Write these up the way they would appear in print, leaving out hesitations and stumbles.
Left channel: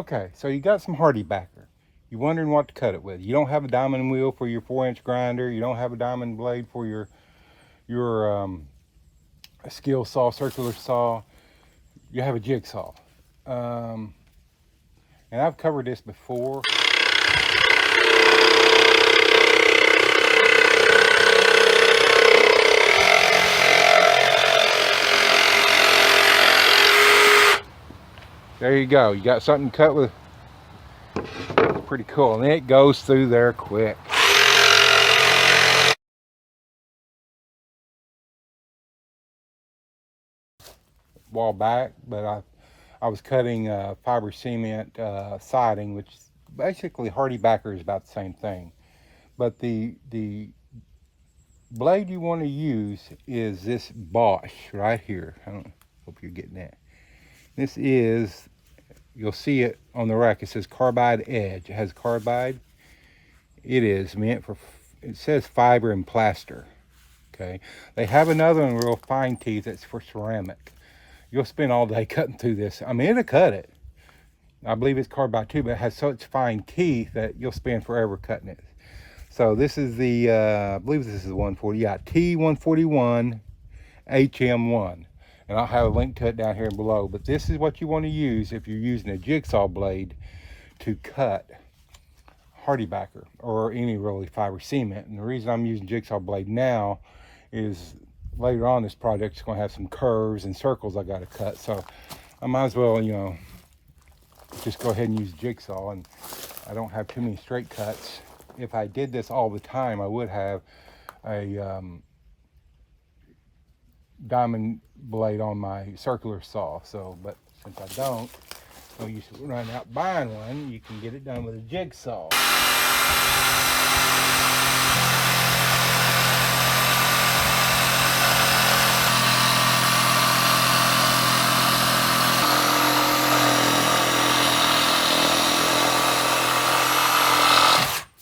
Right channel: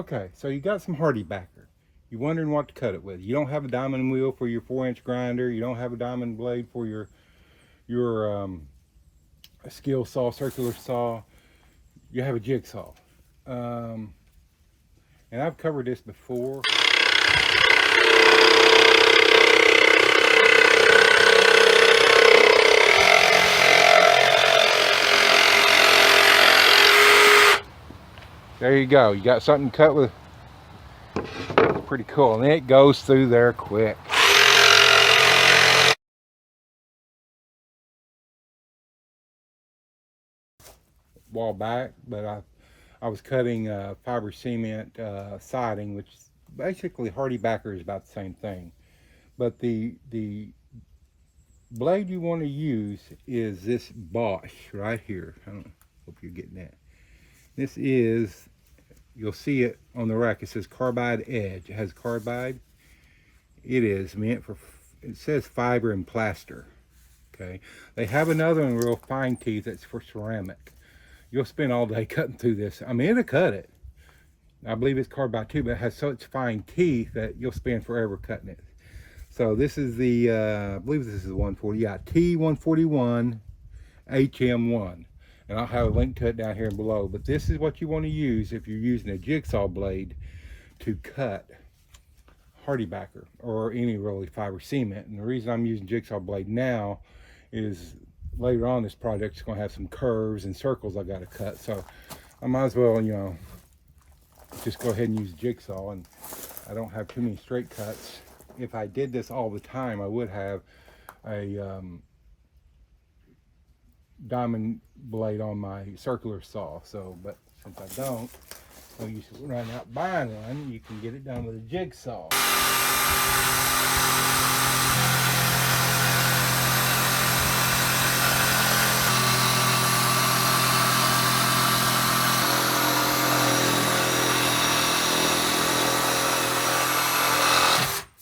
Okay, so you got some Hardie Backer. You're wondering what to cut it with. You don't have a diamond wheel for your 4-inch grinder. You don't have a diamond blade for your skill saw, circular saw. You have a jigsaw. And I've covered this before. There you go. You got something cut with. Pretty cool. And it goes through there quick. While back, but I was cutting fiber cement siding, which is basically Hardie Backer is about the same thing. But the blade you want to use is this Bosch right here. I don't hope you're getting that. This is, you'll see it on the rack. It says carbide edge. It has carbide. It is meant for, it says fiber and plaster. Okay. They have another one, real fine teeth, that's for ceramic. You'll spend all day cutting through this. I mean, it'll cut it. I believe it's carbide too, but it has such fine teeth that you'll spend forever cutting it. So this is the, I believe this is the 140, yeah, T141HM1. And I'll have a link to it down here below. But this is what you want to use if you're using a jigsaw blade to cut Hardie Backer or any really fiber cement. And the reason I'm using jigsaw blade now is later on this project's going to have some curves and circles I got to cut. So I might as well, you know, just go ahead and use jigsaw, and I don't have too many straight cuts. If I did this all the time, I would have a diamond blade on my circular saw. So, but since I don't, so you should run out buying one. You can get it done with a jigsaw.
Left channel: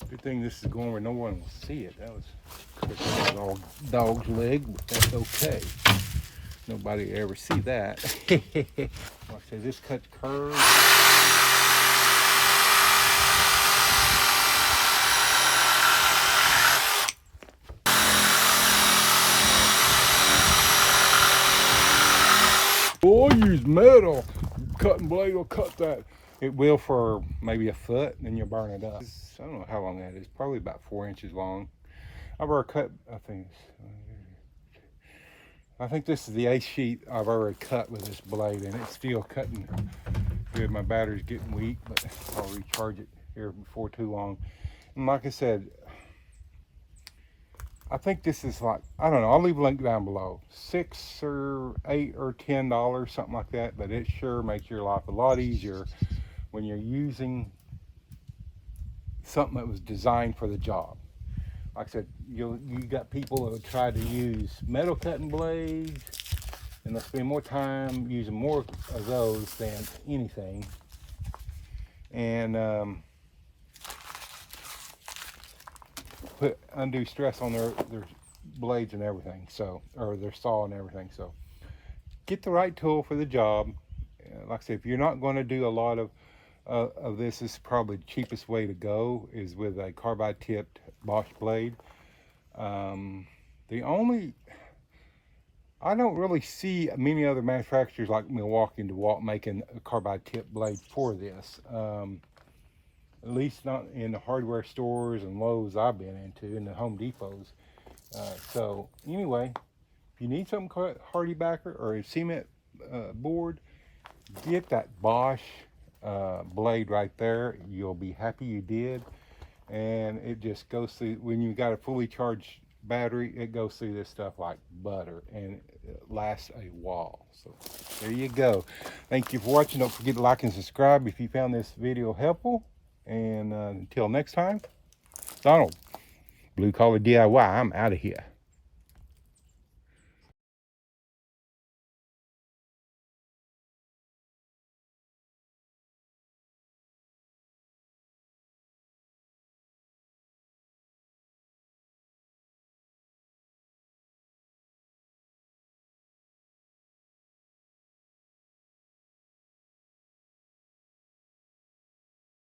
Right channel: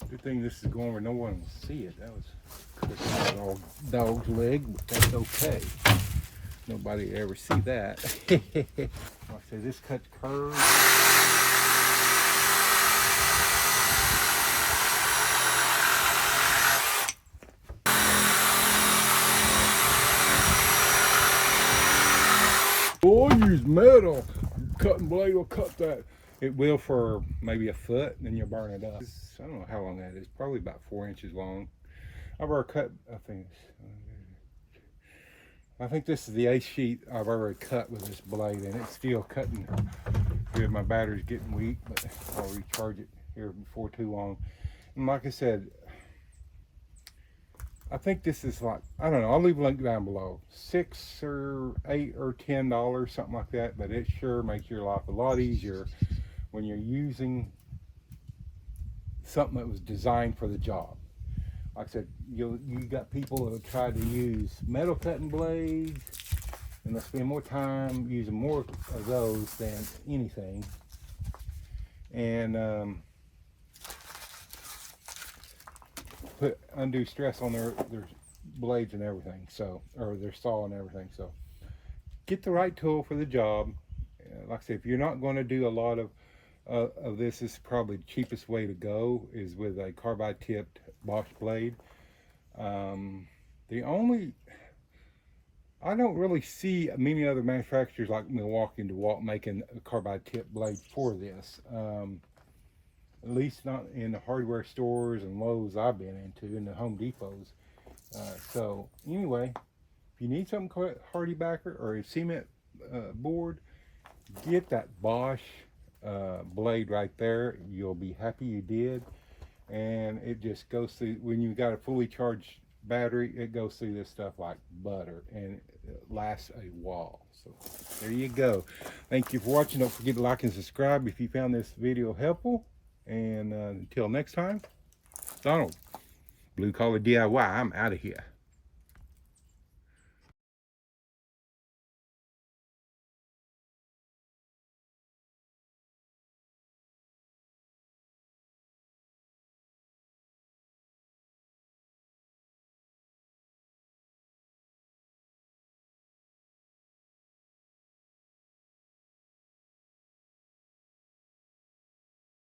Good thing this is going where no one will see it. That was a dog's leg, but that's okay. Nobody ever see that. Like I said, this cuts curves. Oh, use metal. Cutting blade will cut that. It will for maybe a foot, and then you'll burn it up. I don't know how long that is. Probably about 4 inches long. I've already cut, I think this is the 8th sheet I've already cut with this blade, and it's still cutting good. My battery's getting weak, but I'll recharge it here before too long. And like I said, I think this is like, I don't know, I'll leave a link down below. $6 or $8 or $10, something like that, but it sure makes your life a lot easier when you're using something that was designed for the job. Like I said, you got people that have tried to use metal cutting blades, and they'll spend more time using more of those than anything, and put undue stress on their blades and everything, so, or their saw and everything. So get the right tool for the job. Like I said, if you're not going to do a lot of this is probably the cheapest way to go, is with a carbide tipped Bosch blade. The only, I don't really see many other manufacturers like Milwaukee and DeWalt making a carbide tipped blade for this. At least not in the hardware stores and Lowe's I've been into, in the Home Depots. So anyway, if you need something called Hardie Backer or a cement board, get that Bosch blade right there. You'll be happy you did. And it just goes through, when you got a fully charged battery, it goes through this stuff like butter, and it lasts a while. So there you go. Thank you for watching. Don't forget to like and subscribe if you found this video helpful. And until next time, Donald, Blue Collar DIY, I'm out of here.